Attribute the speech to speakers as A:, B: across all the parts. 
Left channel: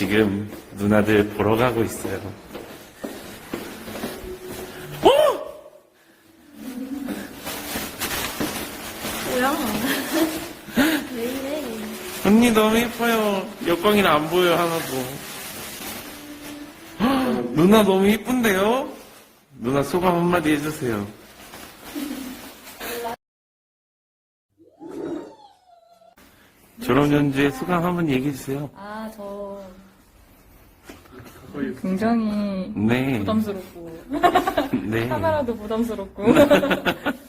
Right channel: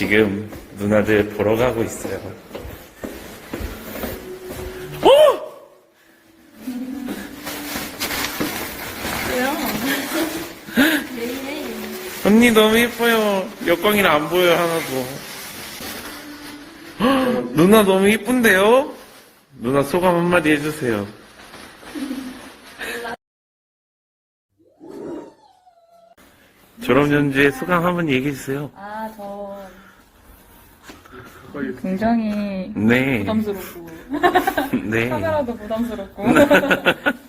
A: 지금 누나들 보러 가고 있어요. 어!
B: 뭐야? 왜 이래?
A: 언니 너무 예뻐요. 역광이라 안 보여요, 하나도. 헉, 누나 너무 예쁜데요? 누나 소감 한마디 해주세요. 졸업 연주의 소감 한번 얘기해주세요.
B: 아, 저 굉장히
A: 네.
B: 부담스럽고
A: 네.
B: 하나라도 부담스럽고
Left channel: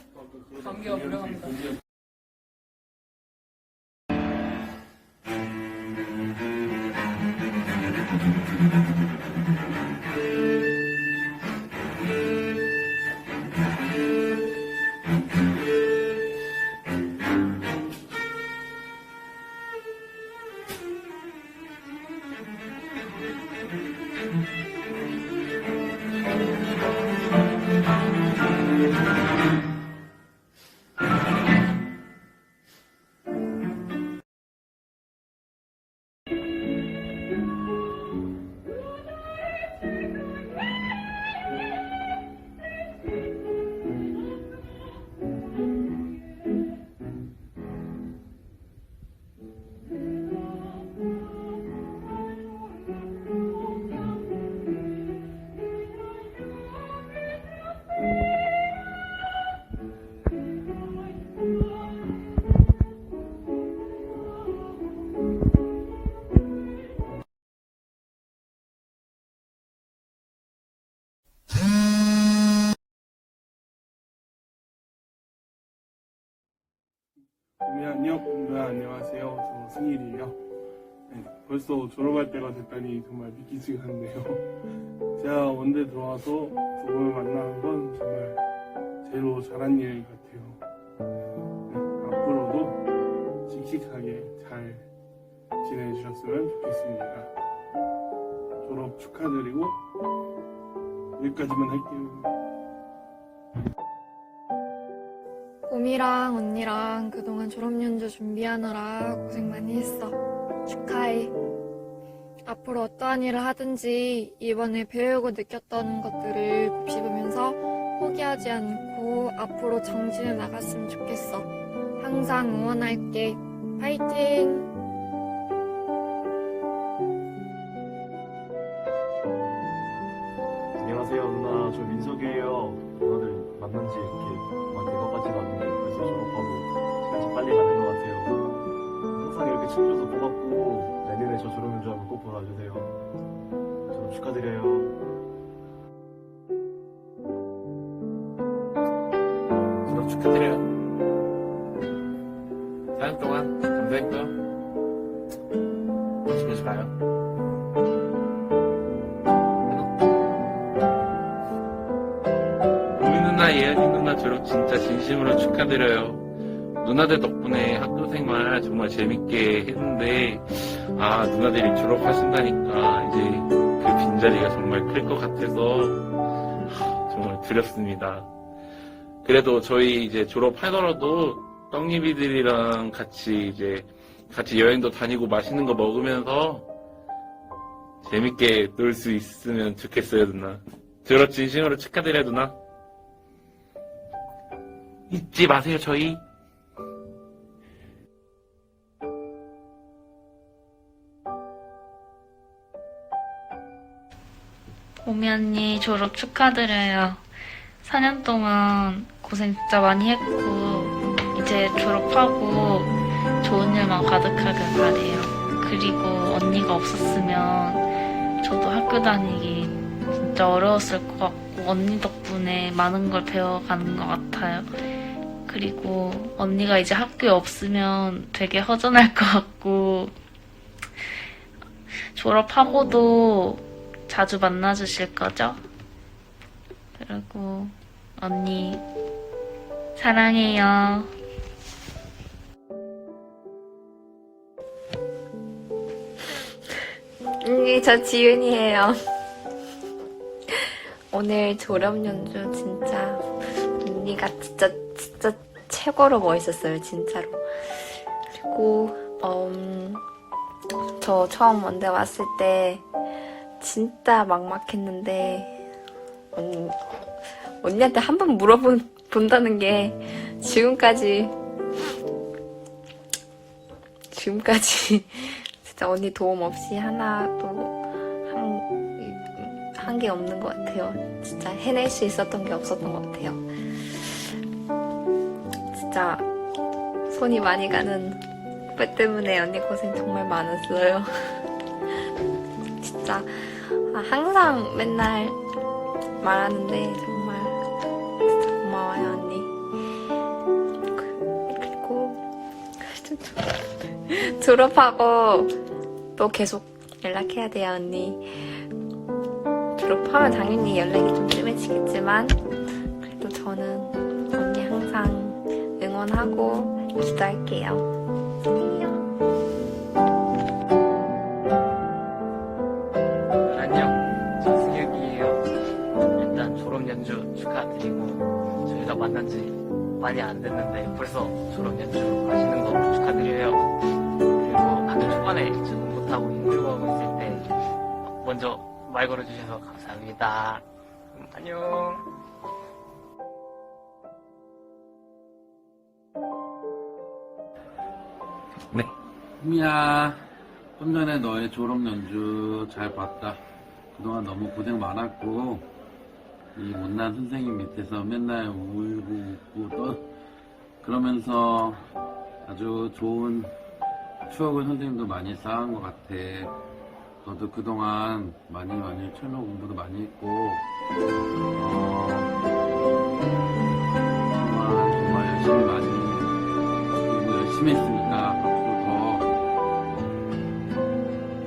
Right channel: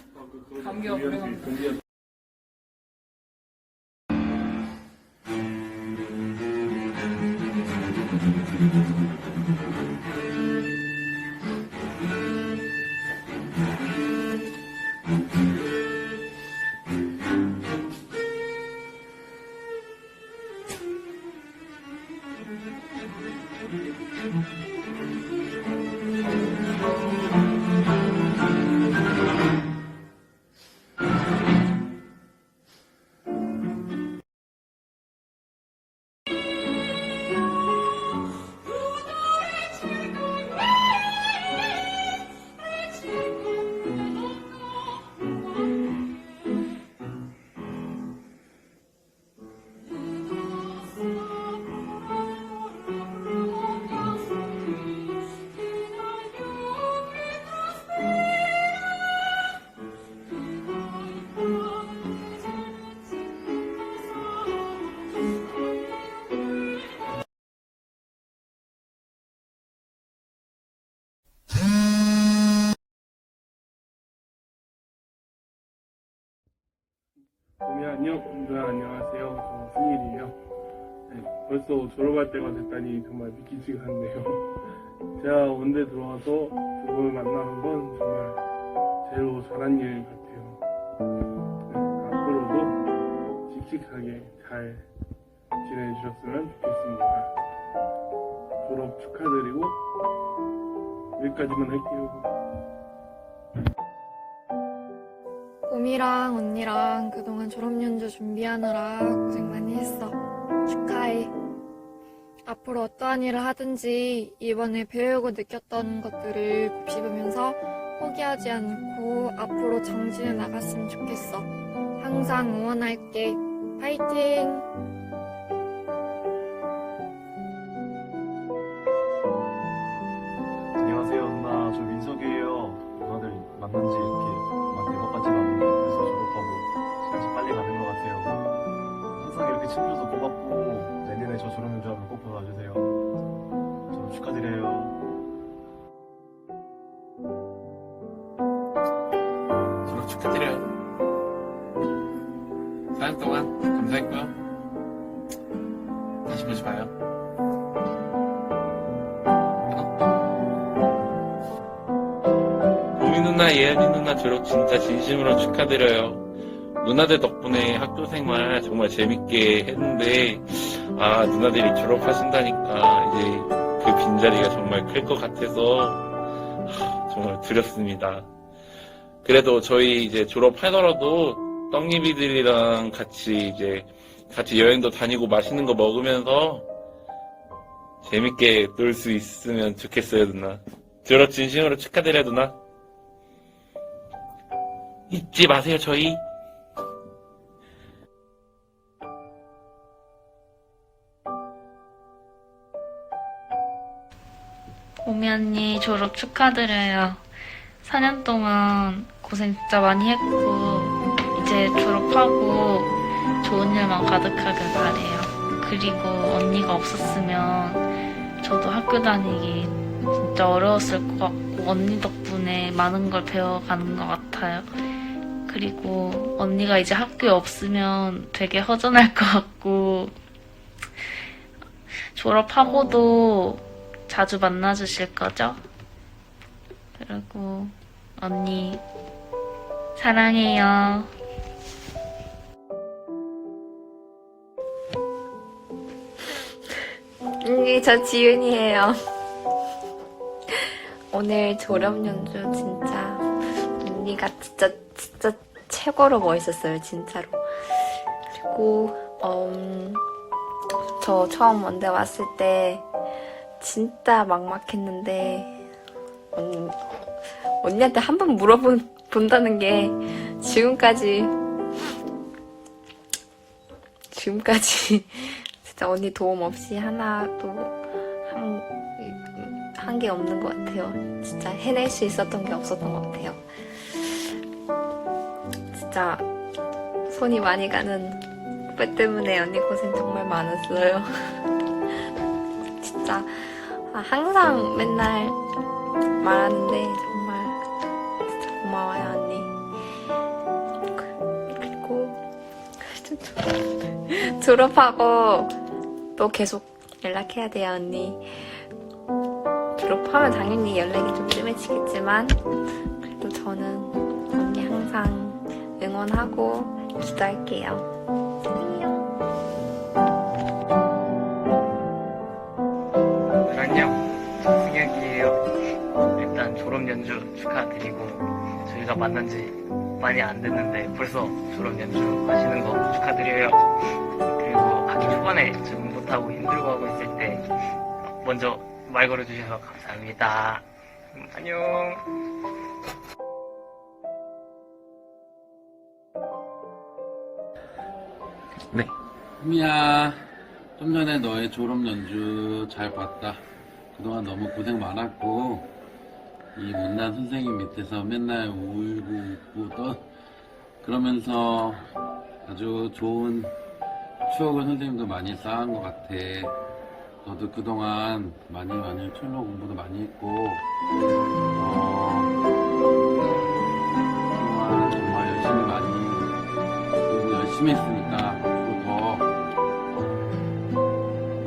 C: 네, 안녕, 네, 안녕하세요. 저 승일이에요. 네, 벌써 졸업할 때가 됐다니 정말 믿기지가 않네요. 제가 원대 들어와서 두 분을 만나는 건 정말 제로 잘한 일 같아요. 네, 앞으로도 씩씩하게 잘 지내주셨으면 좋겠습니다. 졸업 축하드리고 여기까지만 할게요.
D: 봄이랑 언니랑 그동안 졸업연주 준비하느라 고생 많이 했어. 축하해. 앞으로 어떠한 일을 하든지 이번에 배우고 느꼈던 것들을 곱씹으면서 포기하지 않고 앞으로 정진해 나갔으면 좋겠어. 항상 응원할게. 파이팅!
E: 축하드려요.
A: 4년 동안 감사했고요. 다시 보지 마요. 보미 누나, 예은이 누나 졸업 진짜 진심으로 축하드려요. 누나들 덕분에 학교 생활 정말 재밌게 했는데, 아, 누나들이 졸업하신다니까 이제 그 빈자리가 정말 클 것 같아서 하, 정말 두렵습니다. 그래도 저희 이제 졸업하더라도 떡잎이들이랑 같이 이제 같이 여행도 다니고 맛있는 거 먹으면서 재밌게 놀 수 있으면 좋겠어요, 누나. 졸업 진심으로 축하드려요, 누나. 잊지 마세요, 저희.
F: 오미 언니 졸업 축하드려요. 4년 동안 고생 진짜 많이 했고, 이제 졸업하고 좋은 일만 가득하길 바래요. 그리고 언니가 없었으면 저도 학교 다니기 진짜 어려웠을 것 같고, 언니 덕분에 많은 걸 배워가는 것 같아요. 그리고 언니가 이제 학교에 없으면 되게 허전할 것 같고, 졸업하고도 자주 만나주실 거죠? 그리고 언니 사랑해요.
D: 언니, 저 지윤이에요. 오늘 졸업 연주 진짜 언니가 진짜 진짜 최고로 멋있었어요, 진짜로. 그리고 음, 저 처음 원대 왔을 때 진짜 막막했는데 언, 언니한테 한 번 물어본 본다는 게 지금까지 지금까지 진짜 언니 도움 없이 하나도 한한게 없는 것 같아요. 진짜 해낼 수 있었던 게 없었던 것 같아요. 진짜 손이 많이 가는 후배 때문에 언니 고생 정말 많았어요. 진짜 아, 항상 맨날 말하는데 고마워요 언니. 그- 그리고 졸업하고 또 계속 연락해야 돼요 언니. 졸업하면 당연히 연락이 좀 뜸해지겠지만 그래도 저는 언니 항상 응원하고 기도할게요.
G: 안녕, 승혁이에요. 일단 졸업 연주 축하드리고 저희가 만난 지 많이 안 됐는데 벌써 졸업 연주 가시는 거 축하드려요. 그리고 학기 초반에 적응 못하고 힘들고 하고 있을 때 먼저 말 걸어주셔서 감사합니다. 음, 안녕.
H: 미야, 좀 전에 너의 졸업 연주 잘 봤다. 그동안 너무 고생 많았고, 이 못난 선생님 밑에서 맨날 울고 웃고 떠, 그러면서 아주 좋은 추억을 선생님도 많이 쌓은 것 같아. 너도 그동안 많이 많이 철로 공부도 많이 했고, 어, 그동안 정말 열심히 많이, 그리고 열심히 했으니까 앞으로 더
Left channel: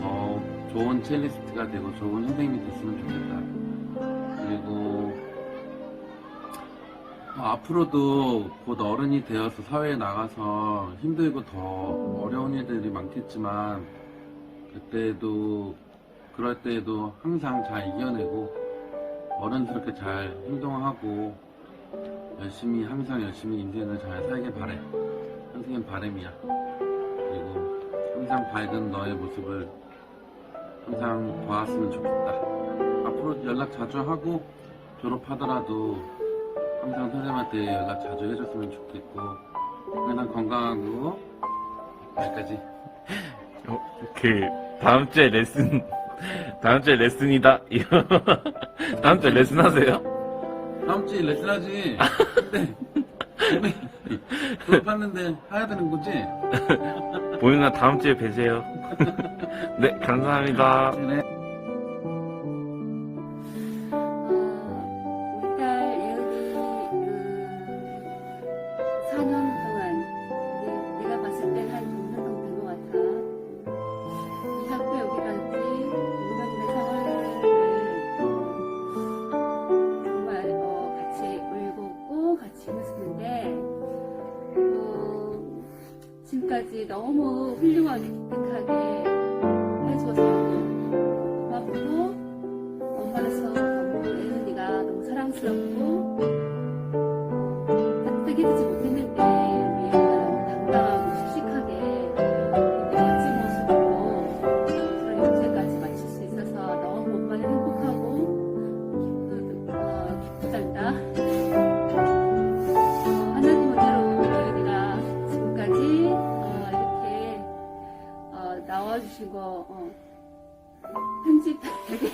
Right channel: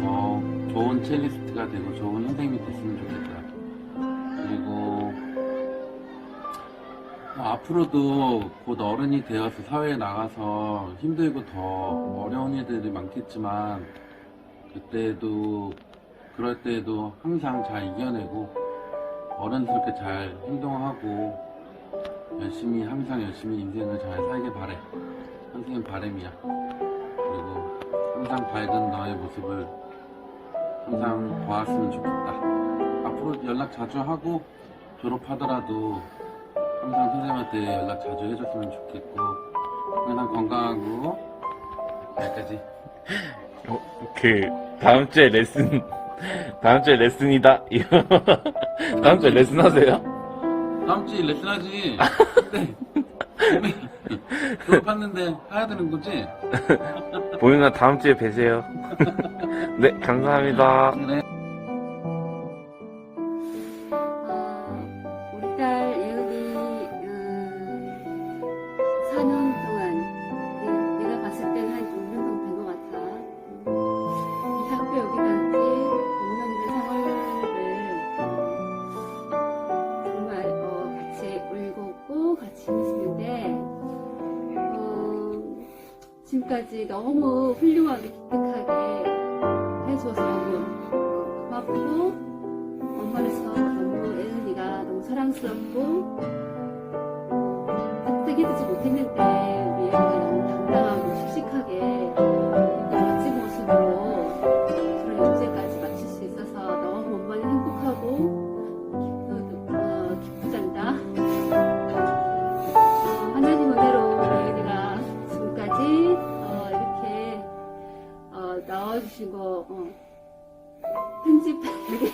H: 더 좋은 첼리스트가 되고 좋은 선생님이 됐으면 좋겠다. 앞으로도 곧 어른이 되어서 사회에 나가서 힘들고 더 어려운 일들이 많겠지만 그때도 그럴 때에도 항상 잘 이겨내고 어른스럽게 잘 행동하고 열심히 항상 열심히 인생을 잘 살길 바래. 선생님 바람이야. 그리고 항상 밝은 너의 모습을 항상 보았으면 좋겠다. 앞으로 연락 자주 하고 졸업하더라도 항상 선생님한테 연락 자주 해줬으면 좋겠고 항상 건강하고 여기까지.
A: 어, 그 다음 주에 레슨 다음 주에 레슨이다. 다음 주에 레슨 하세요?
H: 다음 주에 레슨하지. 근데 이미 졸업했는데 해야 되는 거지?
A: 보윤아 다음 주에 뵈세요. 네 감사합니다.
H: 그래.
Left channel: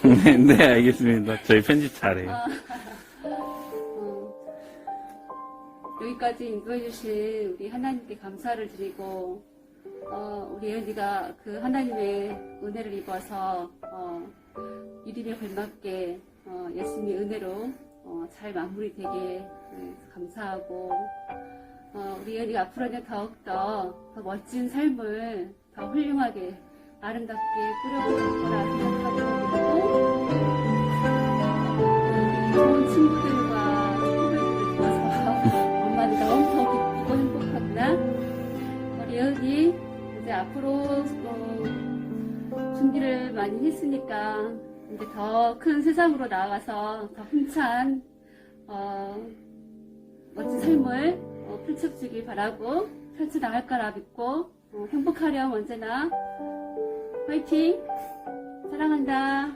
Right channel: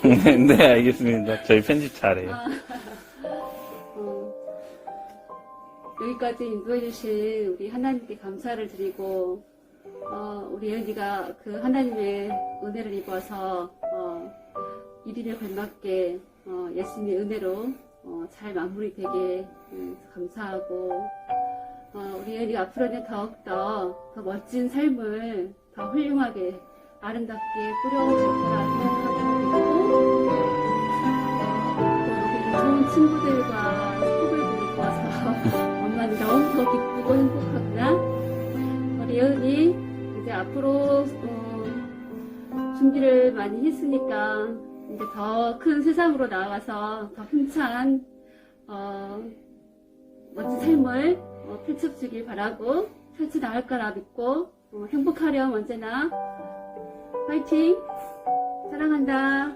A: 네, 네 알겠습니다. 저희 편집 잘해요.
I: 어, 여기까지 인도해주신 우리 하나님께 감사를 드리고, 어, 우리 예은이가 그 하나님의 은혜를 입어서, 어, 이름에 걸맞게, 어, 예수님의 은혜로, 어, 잘 마무리되게 네, 감사하고, 어, 우리 예은이가 앞으로는 더욱더 더 멋진 삶을 더 훌륭하게, 아름답게 꾸려갈 거라 생각하고 좋은 친구들과 후배들을 도와서 엄마는 너무 더 기쁘고 행복하구나. 우리 예은이 이제 앞으로 어, 준비를 많이 했으니까 이제 더 큰 세상으로 나와서 더 힘찬 어, 멋진 삶을 어, 펼쳐주길 바라고 펼쳐나갈 거라 믿고 어, 행복하렴 언제나 화이팅! 사랑한다.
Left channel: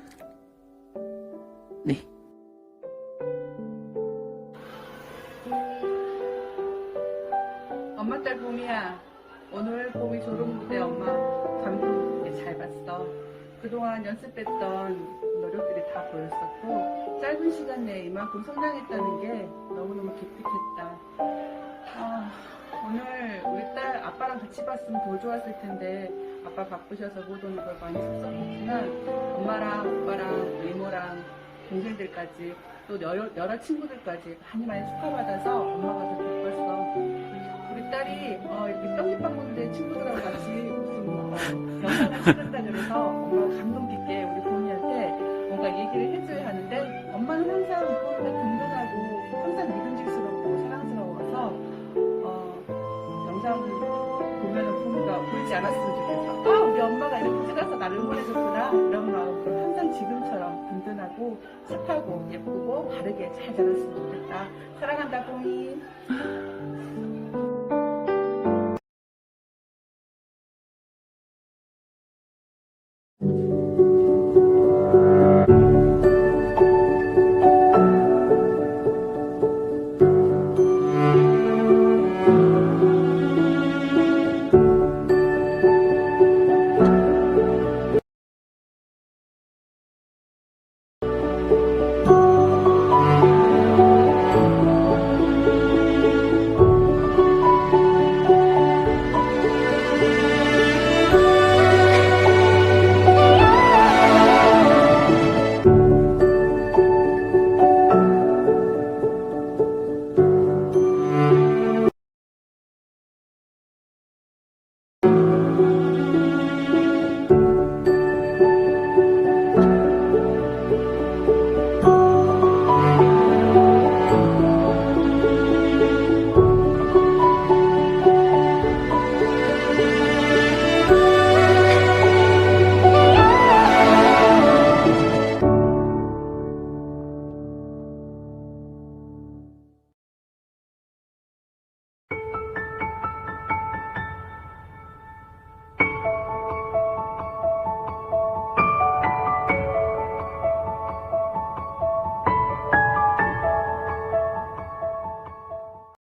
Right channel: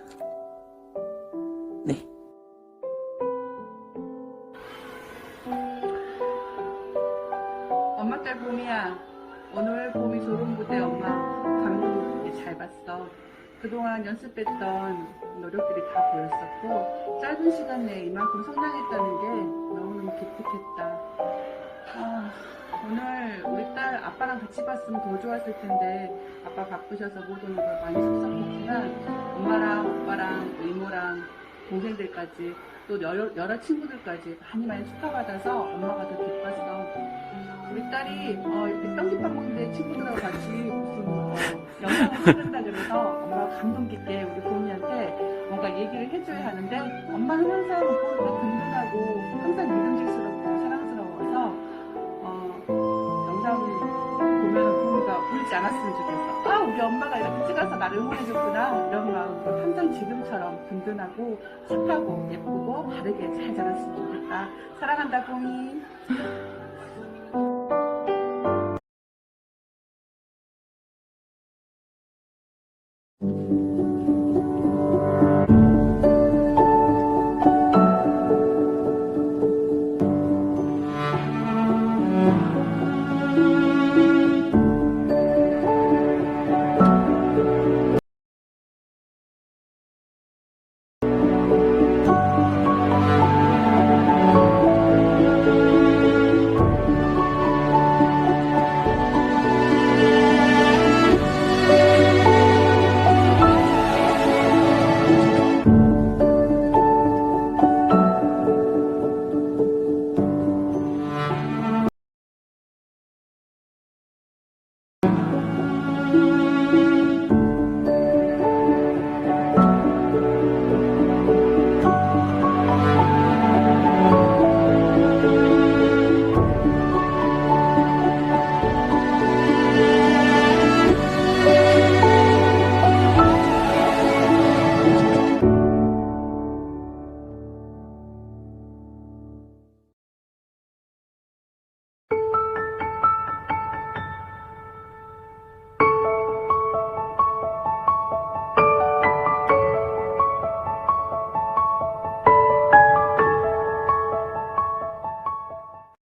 J: 엄마 딸 봄이야. 오늘 봄이 졸업 무대 엄마 감동 되게 잘 봤어. 그동안 연습했던 노력들이 다 보였었고 짧은 시간 내에 이만큼 성장했다는 게 너무너무 기특했다. 아, 오늘 우리 딸 아빠랑 같이 봤으면 더 좋았을 텐데 아빠 바쁘셔서 못 오는 걸 많이 섭섭했지만 엄마랑 오빠랑 이모랑 동생들까지 또 여러, 여러 친구들까지 많이 많이 축하받아서 엄마가 더 기뻤어. 우리 딸이 어, 이렇게 떡잎밥 먹는데 친구들하고 같이 무슨 뭐 영상을 찍는다 그래서 엄마가 감동 깊게 우리 봄이한테 뭔가 얘기를 해줘야 하는데 엄마는 항상 봄이가 든든하고 항상 믿음직스럽고 사랑스러워서 어, 영상을 보면은 봄이가 울지 않았으면 좋겠어. 아 우리 엄마가 이렇게 찍어서 나를 응원해줬구나 이런 마음으로 항상 지금처럼 든든하고 착하고 예쁘고 바르게 잘 자랐으면 좋겠다. 사랑한다 봄이. Thank you.